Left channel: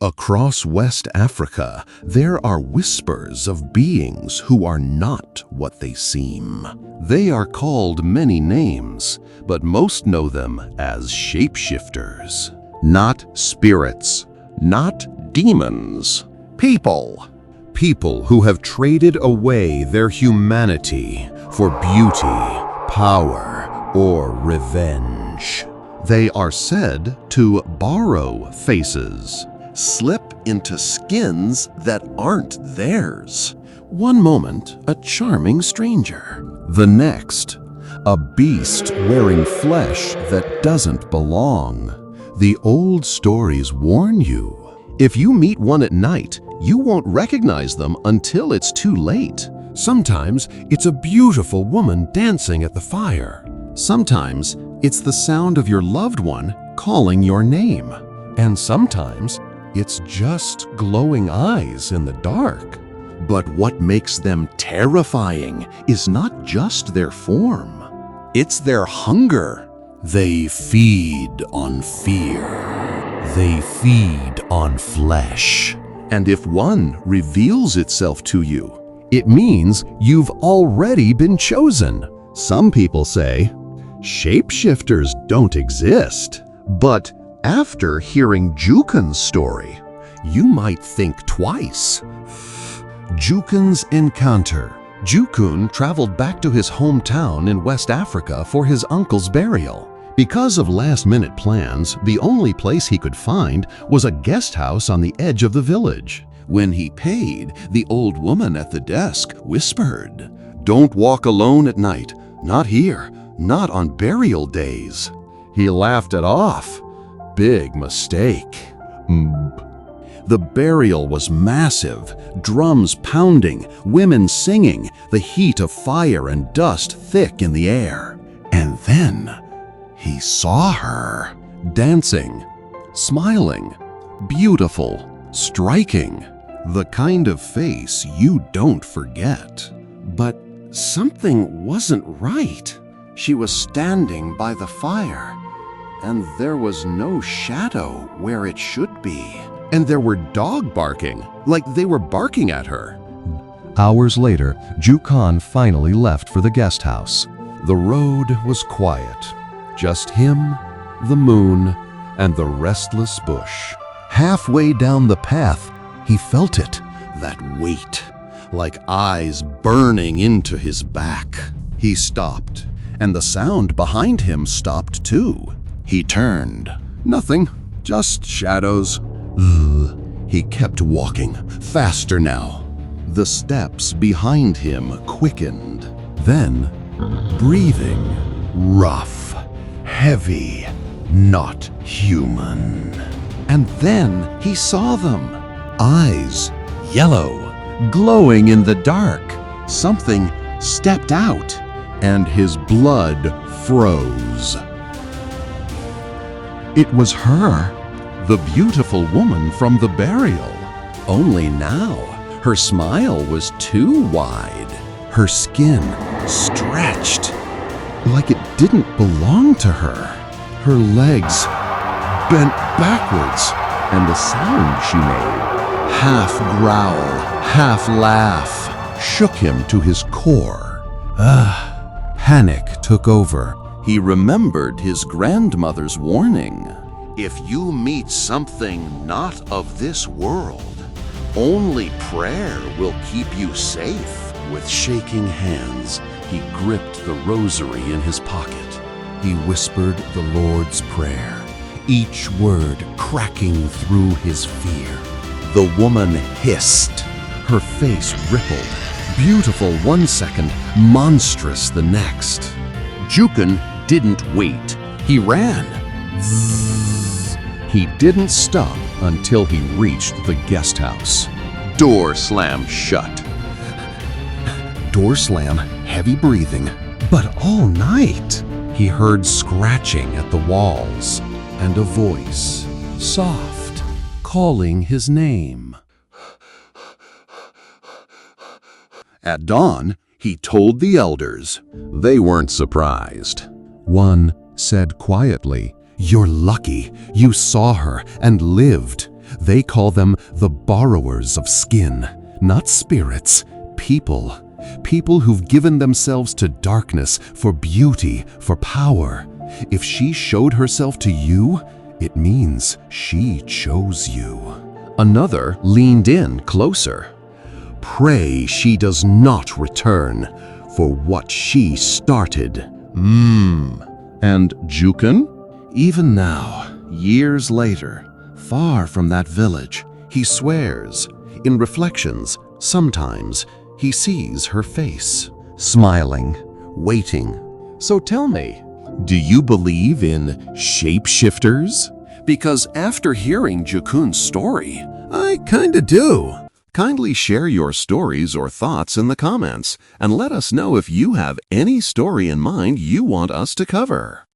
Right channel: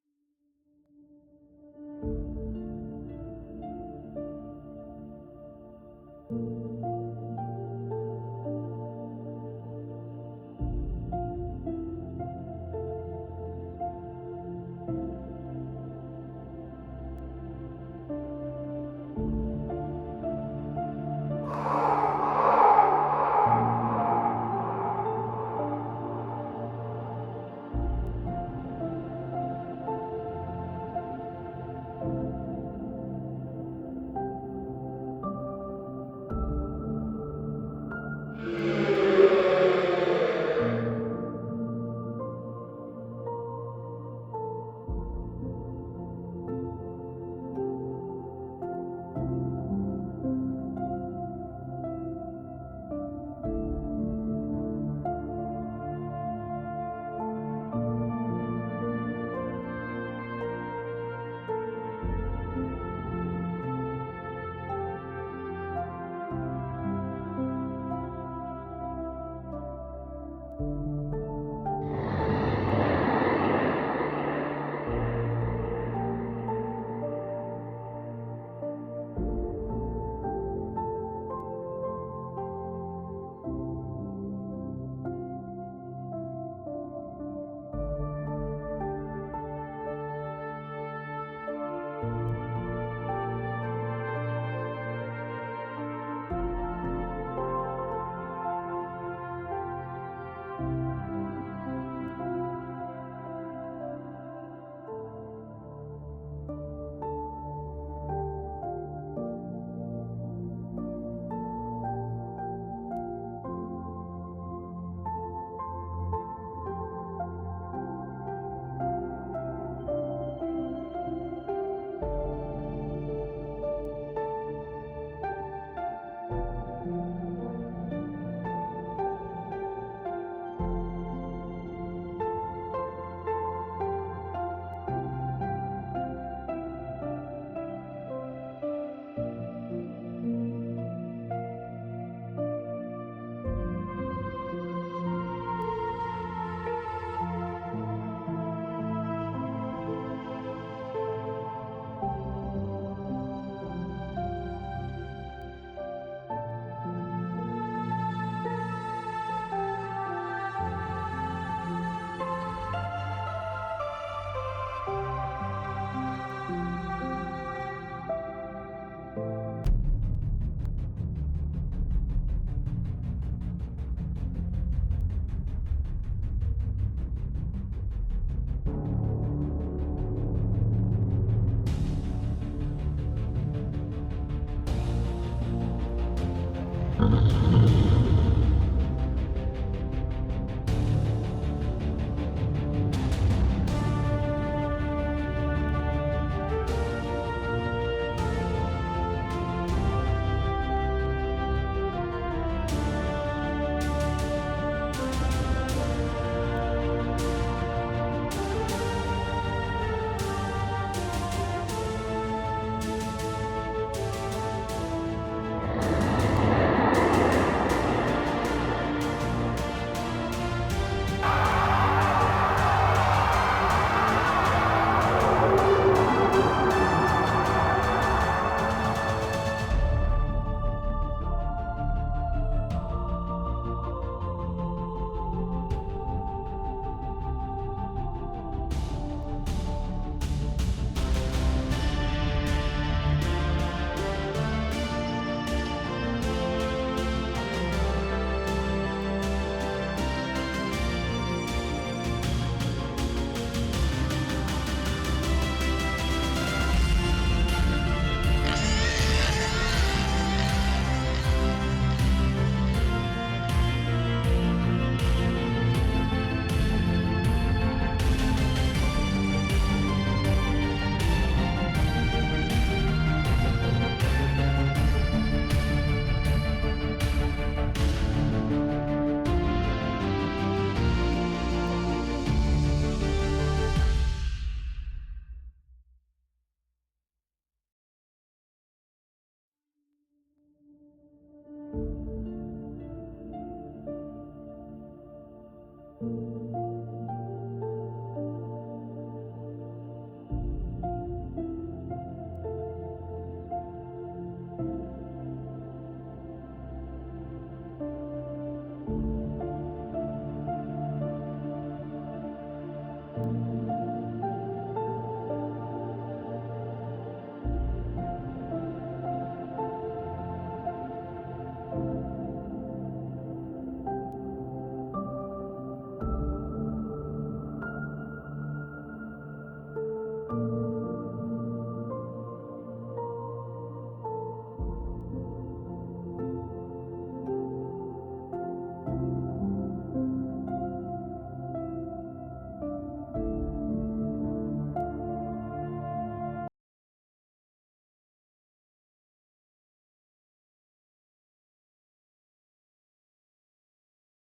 Across West Africa, there are whispers of beings who are not what they seem. They are called many names, but most know them as shapeshifters. Not spirits, not demons. People. People who have traded away their humanity for beauty, power, or revenge. They are said to borrow faces, slip into skins that aren't theirs. One moment, a charming stranger. The next, a beast wearing flesh that doesn't belong. The old stories warn you. If you meet one at night, you won't recognize them until it's too late. Sometimes it's a beautiful woman dancing at the fire. Sometimes it's the sound of your loved one calling your name. And sometimes it's just glowing eyes in the dark. But what makes them terrifying is not just their form. It's their hunger. They feed on fear. They feed on flesh. And if one reveals itself to you, it means you've already been chosen. Some people say, shapeshifters don't exist. But after hearing Jukun's story, you might think twice. Jukun's encounter. Jukun traveled back to his hometown in West Africa for his uncle's burial. Because of last-minute plans, the only place he could find was a guest house on the edge of the village. When he paid, the old woman at the desk whispered, "Don't walk alone at night. Not here. Not on burial days." He laughed it off. Big mistake. The burial was massive, drums pounding, women singing, the heat of fire and dust thick in the air. And then he saw her, dancing, smiling, beautiful, striking, the kind of face you don't forget. But something wasn't right. She was standing by the fire, and there was no shadow where it should be. And there were dogs barking, like they were barking at her. Hours later, Jukun finally left for the guest house. The road was quiet. Just him, the moon, and the restless bush. Halfway down the path, he felt it, that weight, like eyes burning into his back. He stopped, and the sound behind him stopped too. He turned. Nothing, just shadows. He kept walking, faster now. The steps behind him quickened. Then, breathing, rough, heavy, not human. And then he saw them. Eyes, yellow, glowing in the dark. Something stepped out, and his blood froze. It was her, the beautiful woman from the burial. Only now, her smile was too wide. Her skin stretched, like it didn't belong to her. Her legs bent backwards, and the sound she made, half growl, half laugh, shook him to his core. Panic took over. He remembered his grandmother's warning. If you meet something not of this world, only prayer will keep you safe. With shaking hands, he gripped the rosary in his pocket. He whispered the Lord's Prayer, each word cracking through his fear. The woman hissed. Her face rippled. Beautiful one second, monstrous the next. Jukun didn't wait. He ran. He didn't stop until he reached the guest house. Door slammed shut. Door slam, heavy breathing. But all night, he heard scratching at the walls and a voice, soft, calling his name. At dawn, he told the elders. They weren't surprised. One said quietly, "You're lucky. You saw her and lived. They call them the borrowers of skin, not spirits, people. People who've given themselves to darkness for beauty, for power. If she showed herself to you, it means she chose you. Another leaned in closer. Pray she does not return for what she started. And Jukun? Even now, years later, far from that village, he swears. In reflections, sometimes he sees her face, smiling, waiting. So tell me, do you believe in shapeshifters? Because after hearing Jukun's story, I kinda do. Kindly share your stories or thoughts in the comments and let us know if you have any story in mind you want us to cover.